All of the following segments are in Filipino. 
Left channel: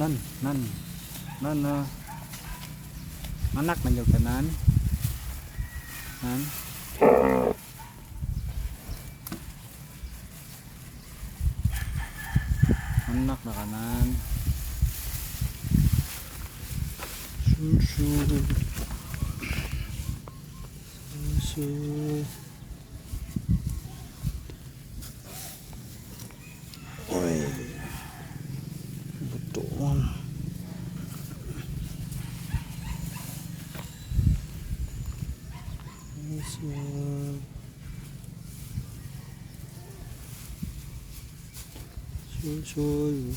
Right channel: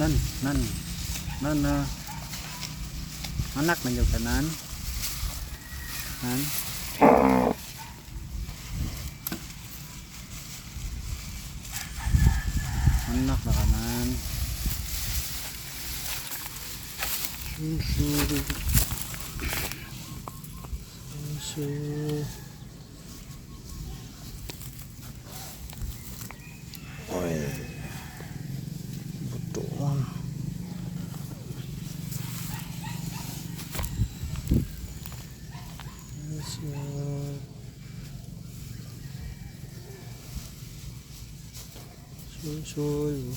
nan nan nan na anak man yung kanan nan. Anak na kanan susu. Susu. Oi. Susu. Susu.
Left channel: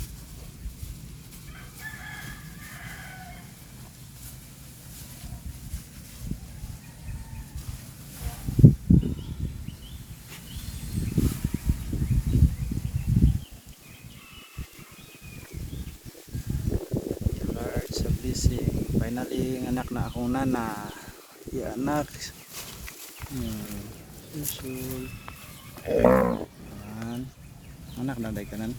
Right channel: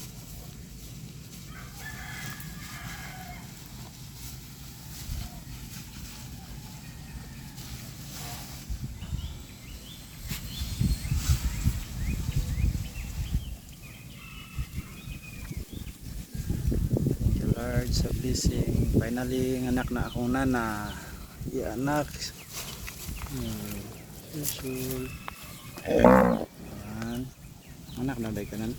Thank you Lord sa blessing. Finally, anak na akong nana. Iya anak. Hmm. Isul. Ayan. Anak na day ka nan.